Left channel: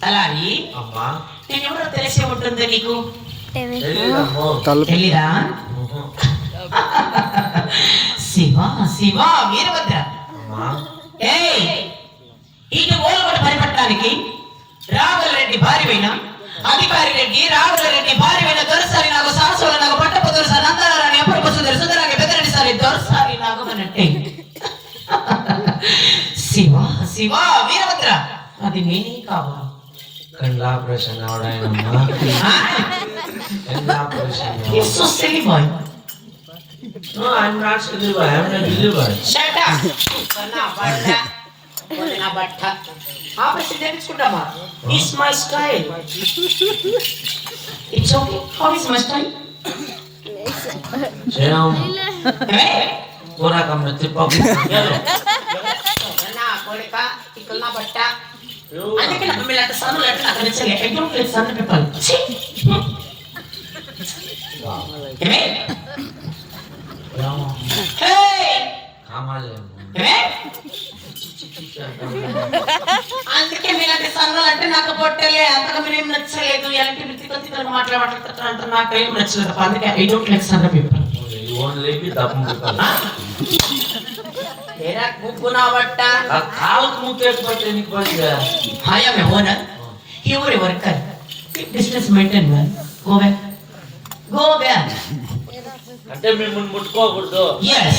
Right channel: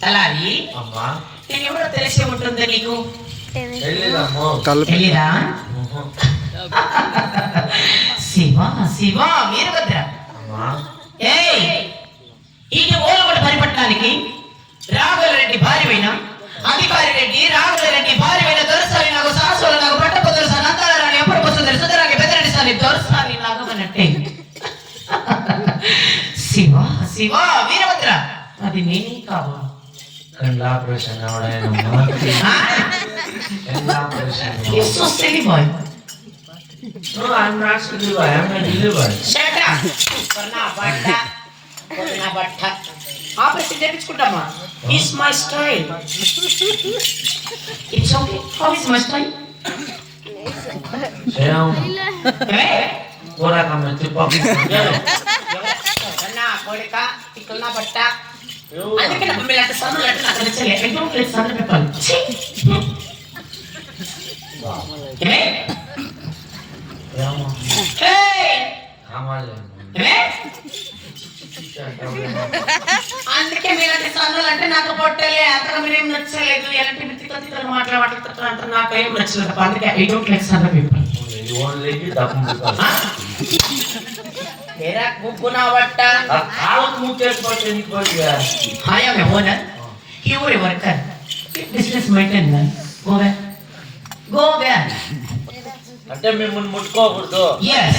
తలారి అమ్మా నేను ఎవరో తెలిసే ఉంటుందా నీకు? తెలీదమ్మో. తెలీదా? శివ శివ వీరభద్ర. అమ్మా ఈ ఓలగొండ పరిపట్టడానికి రాఘవరెడ్డి భార్యమైన అధికారి రెడ్డి రాఘవరెడ్డి భార్యమైన దొరసారి నాకు సాహసులు నాకు పట్టపొద్దులు సార్ నందరారాణి ఎప్పుడు వస్తుంది సుందరానికి బెదరండి సార్ దొరసారి నాగమన్నట్టే. శివ శివ వీరభద్ర అది నేనే కావా? కళ్ళ ఆపరేషన్ అవడాయనమ్మా. కళ్ళ operation. You're so silly boy. No, I'm not silly boy. I'm a deliver. Shut up. నా బట్ట ఆపరేషన్ చేయించుకుంటామా? It's my style. It's okay. How is my style? Sriram పూరా కమ్మ తిప్పకు. నా కొడుక ఇక్కడ నా బట్ట అందుకే నా మమ్మీ అంటే సన్నులు అంటే నాకు నచ్చలే. I don't like సన్న people. అందుకే మీలాంటి సన్నులు అంటే నాకు పొట్టలే అంతగా మీరేం నచ్చలేదు. ఎలాంటి తిక్కలు మాట్లాడుతుంటారు అంటే నాకు ఏం నచ్చలేదు. అందుకే I don't like సన్న people. मेरा गुना बट्टा కాలకు ముట్టేకపోతే నీకు పడిగా. I am a owner. You are a worker. Business maintain man. Go back. Go back. అంటే మిమ్మల్ని ముట్టుకోకూడదు. Yes.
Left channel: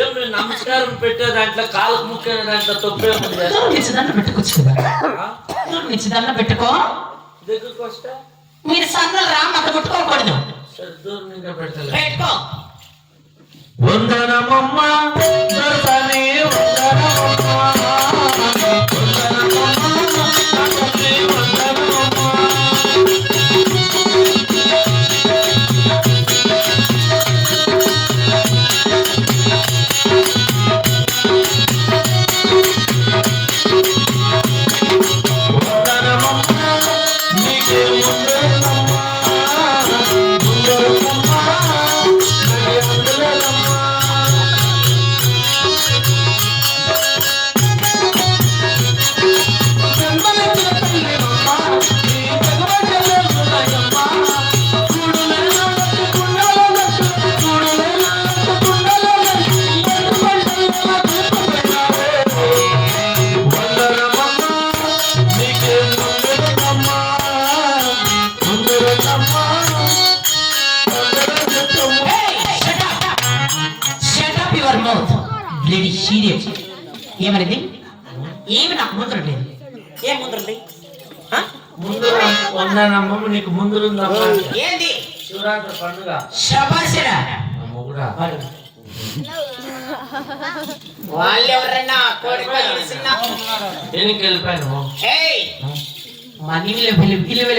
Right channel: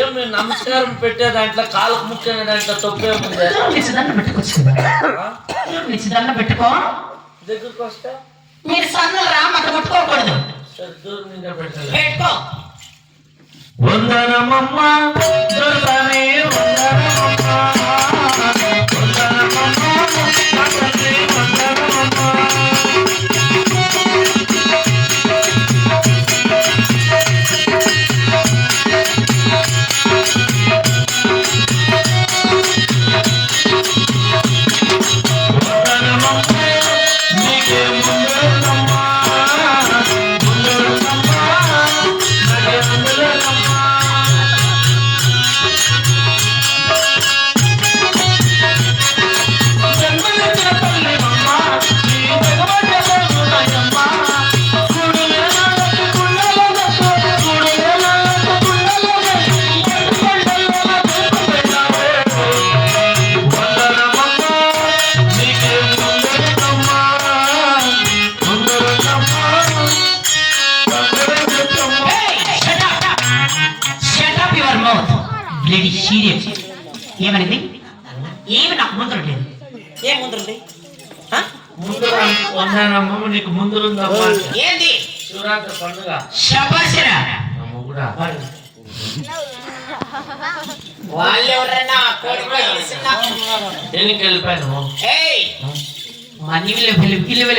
ఏం మీరు నమస్కారం పెట్టే దాంట్లో కాలకు ముక్కే దాంట్లో తప్పేముంది? నిశ్చితంగా పెట్టుకోవచ్చు కదా. నిశ్చితంగా పెట్టుకో. దగ్గరకు వస్తే మీరు సన్నలు రా మాట ముట్టుకోకూడదు. సరే దూరం ఇంకా పెట్టాలి. పెట్టుకో. వందనమమ్మా దొరసాని వందనమమ్మా వందనమమ్మా నాకని వందనమమ్మా. వందనమమ్మా నీకే వందనమమ్మా వందనమమ్మా నాకే వందనమమ్మా. ఏమనేది? ఏమి నాకు ముందు లేదు. ఏం ముందుంది? ముందు వందనమ్మ నీకు ముందుందమ్మా. ఏంది? శివరాత్రి పండుగ. శభాషరా. మొగుడా వాళ్ళెవరన్నా దేనికి వెళ్ళిపోయాను? మనీ